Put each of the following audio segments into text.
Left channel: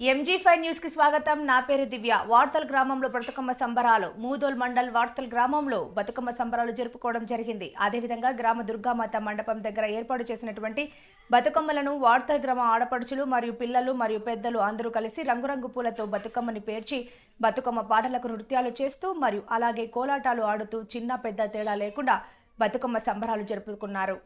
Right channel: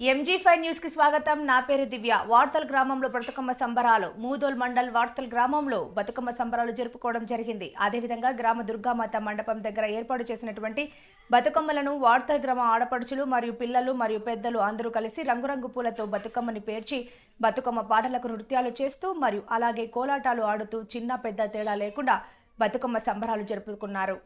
MG5 news కి స్వాగతం. నా పేరు దివ్య. వార్తల్ గ్రామంలో బతుకమ్మ సంబరాలు. మూదోల్ మండల్ వార్తల్ గ్రామంలో బతుకమ్మ సంబరాలు జరుపుకోవడం జరిగింది. అదేవిధంగా గ్రామ దుర్గామాత మండపం దగ్గర ఏర్పాటు చేసినటువంటి బతుకమ్మలను వార్తల్ గ్రామ ఆడపడుచులు మరియు పిల్లలు మరియు పెద్దలు అందరూ కలిసి రంగురంగు పూలతో బతుకమ్మని పేర్చి బతుకమ్మ పాటలకు నృత్యాలు చేస్తూ మరియు అలాగే కోలాటాలు ఆడుతూ చిన్న పెద్ద తేడా లేకుండా బతుకమ్మ సంబరాలు జరుపుకున్నారు.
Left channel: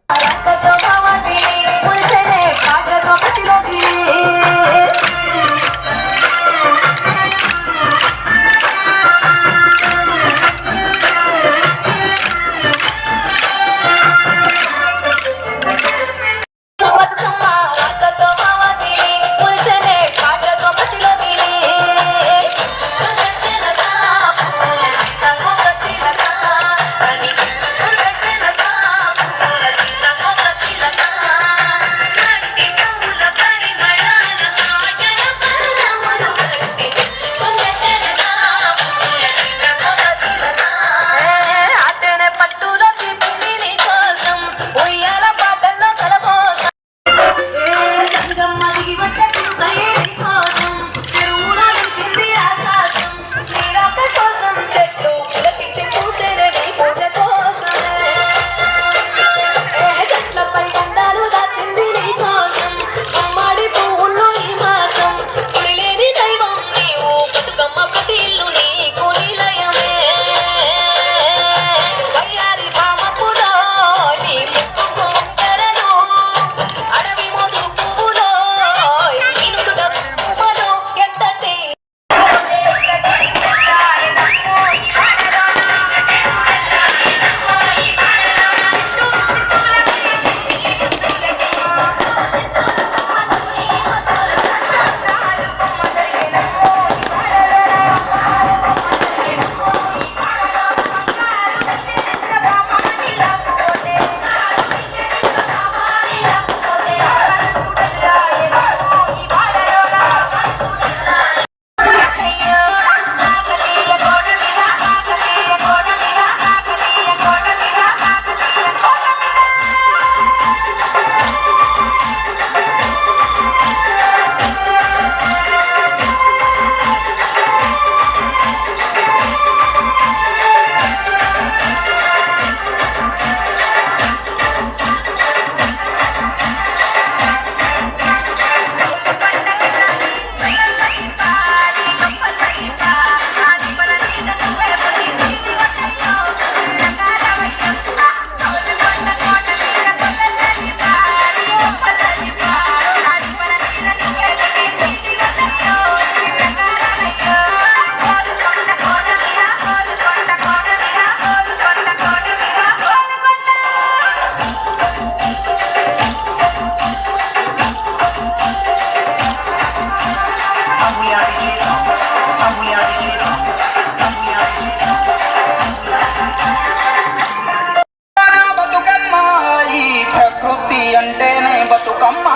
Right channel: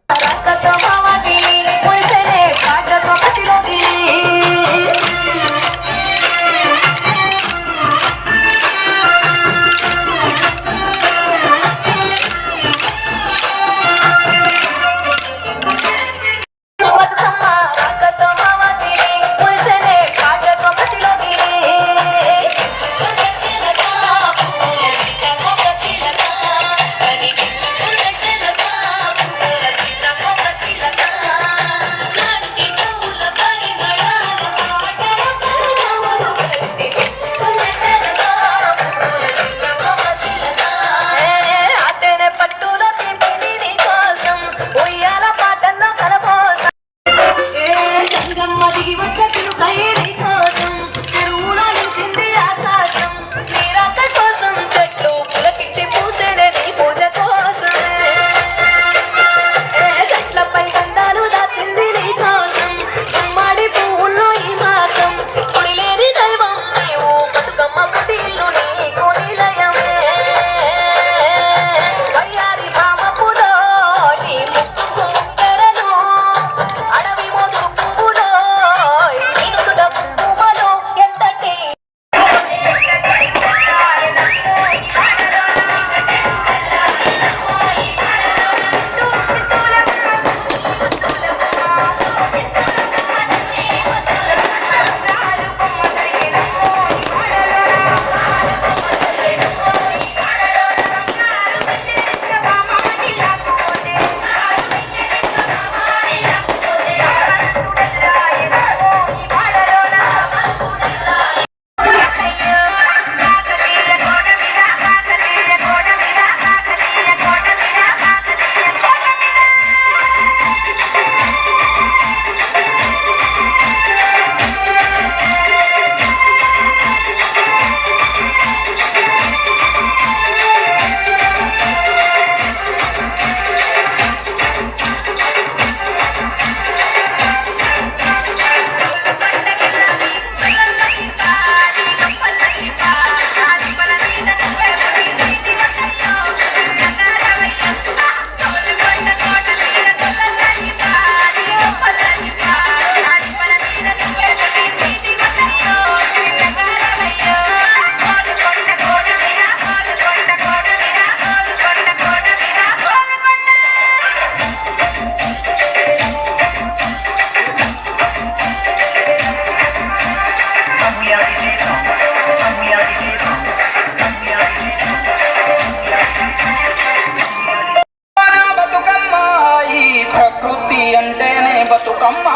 బతుకమ్మ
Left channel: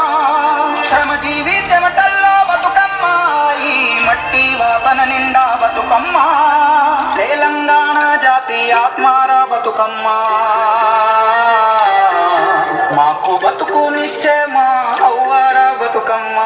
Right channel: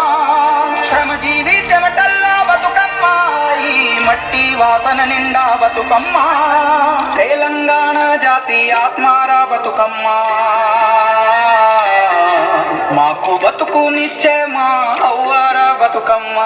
శ్రమజీవి చెమటల్లో బతుకమ్మ ఈ మట్టి వాసన నిండా బతుకమ్మ తెలంగాణ జాతి ఆత్మార బతుకమ్మ మాకు బతుకునిచ్చే మా అవ్వార బతుకమ్మ.